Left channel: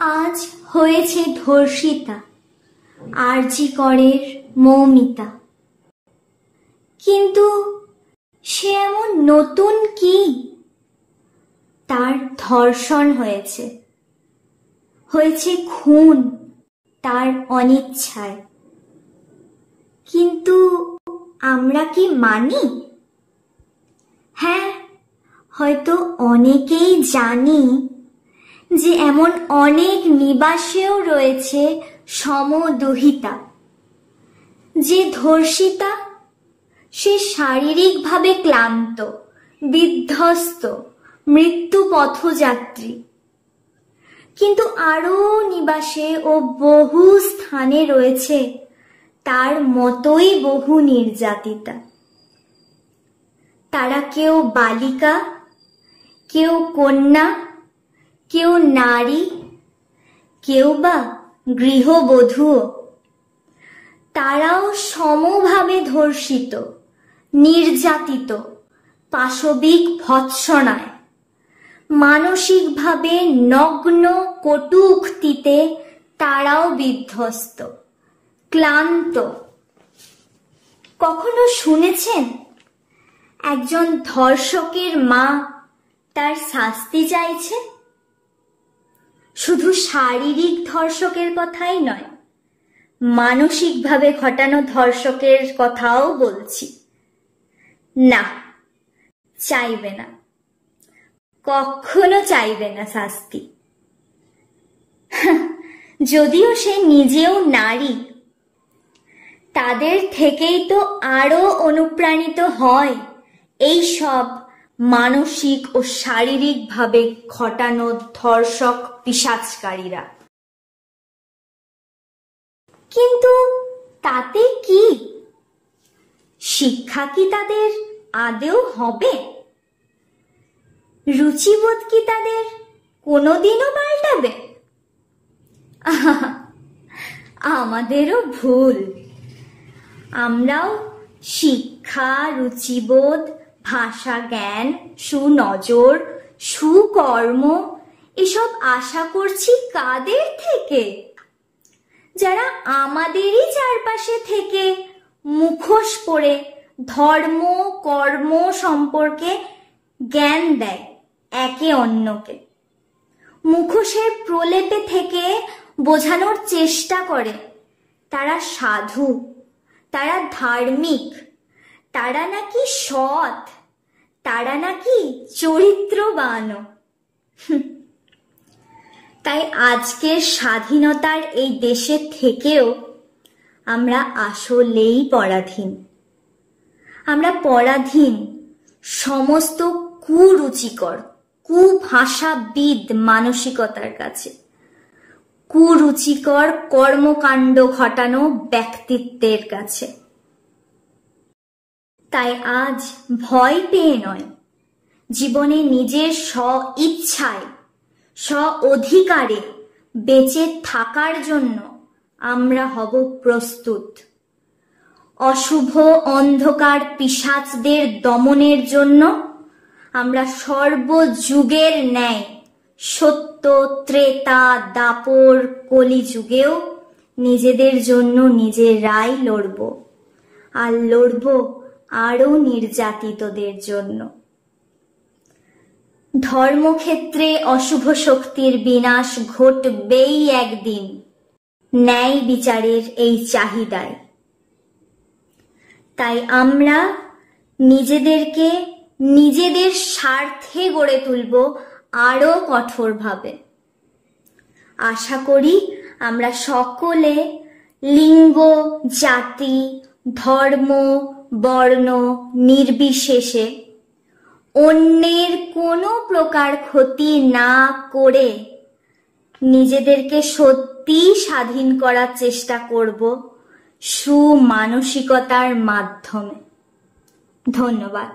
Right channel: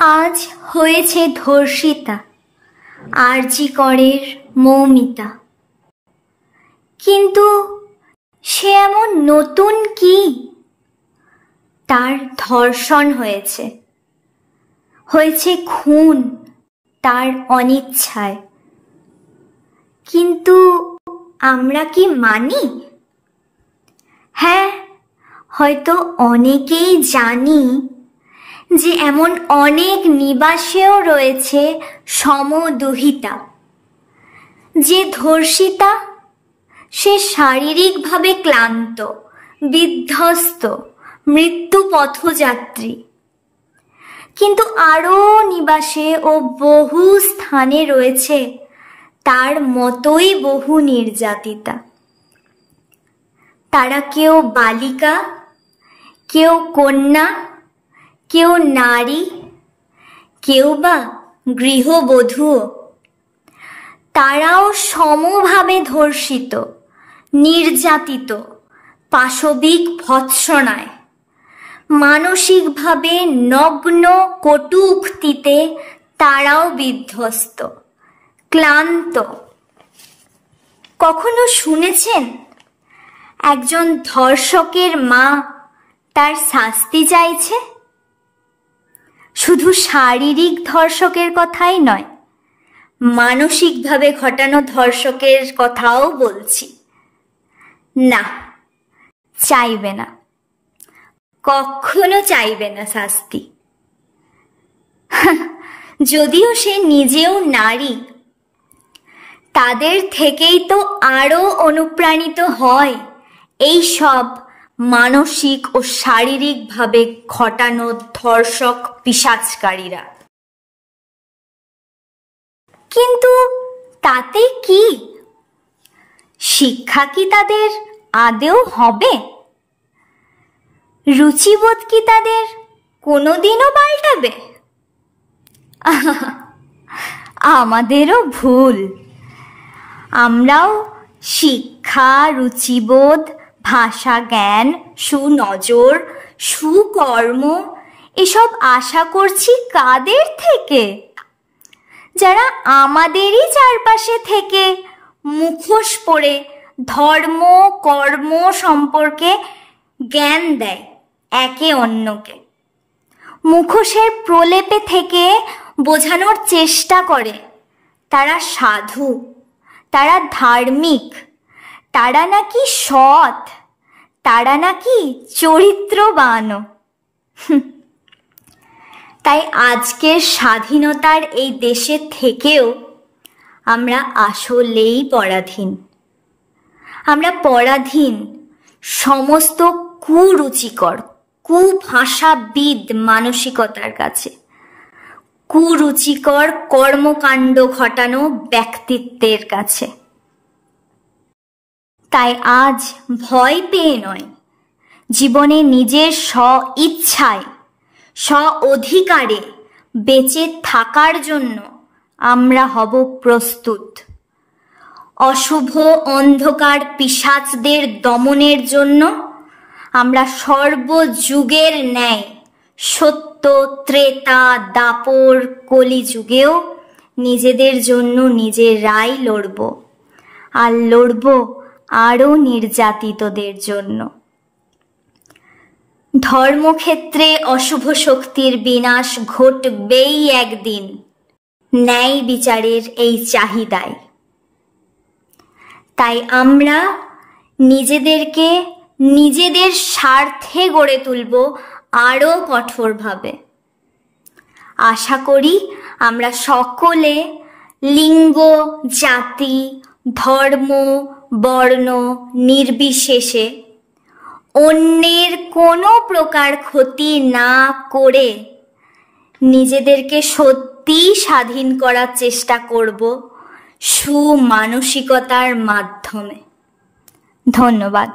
আজ হয়েছে ধর্ষিতা আরজি করের মৌমিতা, কিন্তু সে এমন নতুন কি? তার ধর্ষণ হয়েছে, হয়েছে খুন তার অনিচ্ছায়, কিন্তু আমরা কি মানি? হ্যাঁ, হয়তো অনেকেই জানি যে এমন অনেক নিবাসেও রয়েছে সমদুহিতা, যে ধর্ষিতা সে শারীরিকভাবে ক্লান্ত, বিধ্বস্ত, মৃত্যু পথযাত্রী, কিন্তু আরো নিবাসে ও বহু স্থানে রয়েছে তার মতোই বহু নির্যাতিতা। তারা কেউ বালিকা, কেউ কন্যা, কেউ নারী, কেউ বা গৃহবধূ। তারাও সমভাবে ধর্ষিত, নির্যাতিত, পাশবিক ভৎসনায়, মানসিকভাবে নগ্ন কটু উক্তিতে তারাও বিধ্বস্ত, ক্লান্ত। কখনো শুনেছেন একজন ধর্ষকের মা তার শাস্তি চাইছে? শুধু শারীরিক ধর্ষকের কথাই নয়, মানসিকভাবে ঘটানো ধর্ষকের কথাও বলছি। না, চাইবে না, কখনো চাইবে না শাস্তি। যদিও সে নিজেও নারী, তাদের থেকেই তো আরো অনুপ্রাণিত হয় এই সব মানসিক ও শারীরিকভাবে ঘটানো ধর্ষক পিশাচকারীরা। কিন্তু তাতে কি? শিক্ষা কি তাদের আদেও হবে? রুচিবোধ কি তাদের কোনোদিনও পাল্টাবে? আমাদেরও ভুল। আমরাও শিক্ষা, রুচিবোধ, ভাষা জ্ঞান, সুনজর, সুকর্ম এসব আশা করছি কাদের থেকে? যারা আমাদেরই চারপাশে থেকে মুখোশ পরে ধর্ম কর্ম সম্পর্কে জ্ঞান দেয় একে অন্যকে, মুখোশের প্রলেপে থেকে বোঝানোর চেষ্টা করে তারা সাধু, তারা ধার্মিক, তারা নাকি সৎ, তারা নাকি চরিত্রবান। তাই আজকের স্বাধীনতার এই দেশে থেকেও আমরা আসলেই পরাধীন। আমরা পরাধীন সমস্ত কুরুচিকর, কুভাষাবিদ মানসিকতার কাছে, কুরুচিকর কর্মকাণ্ড ঘটানো ব্যক্তিত্বের কাছে। তাই আজ ভয় পেয়ে নয়, জীবনে নিজের স্ব ইচ্ছায়, স্ব অধিকারে বেঁচে থাকার জন্য আমরা হব প্রস্তুত। অশুভ অন্ধকার পিশাচদের দমনের জন্য আমরা সর্বযুগের ন্যায় সত্য, ত্রেতা, দাপর, কলিযুগেও নিজেদের জন্য নিজেরাই লড়ব, আর লড়ব আরো নির্যাতিতদের জন্য। ধর্মক্ষেত্রে অশুভ শক্তির বিনাশ ঘটবেই একদিন, ন্যায় বিচারের এই চাহিদায়। তাই আমরা নিজেদেরকে নিজেদের স্বার্থে গড়ে তুলব আরো কঠোরভাবে। আশা করি আমরা সকলে লিঙ্গ, জাতি, ধর্ম, বর্ণ নির্বিশেষে অন্যের কোনো প্রকার ক্ষতি না করে নিজেদেরকে সত্যি স্বাধীন করার চেষ্টা করব সুমানসিকতার মাধ্যমে। ধন্যবাদ।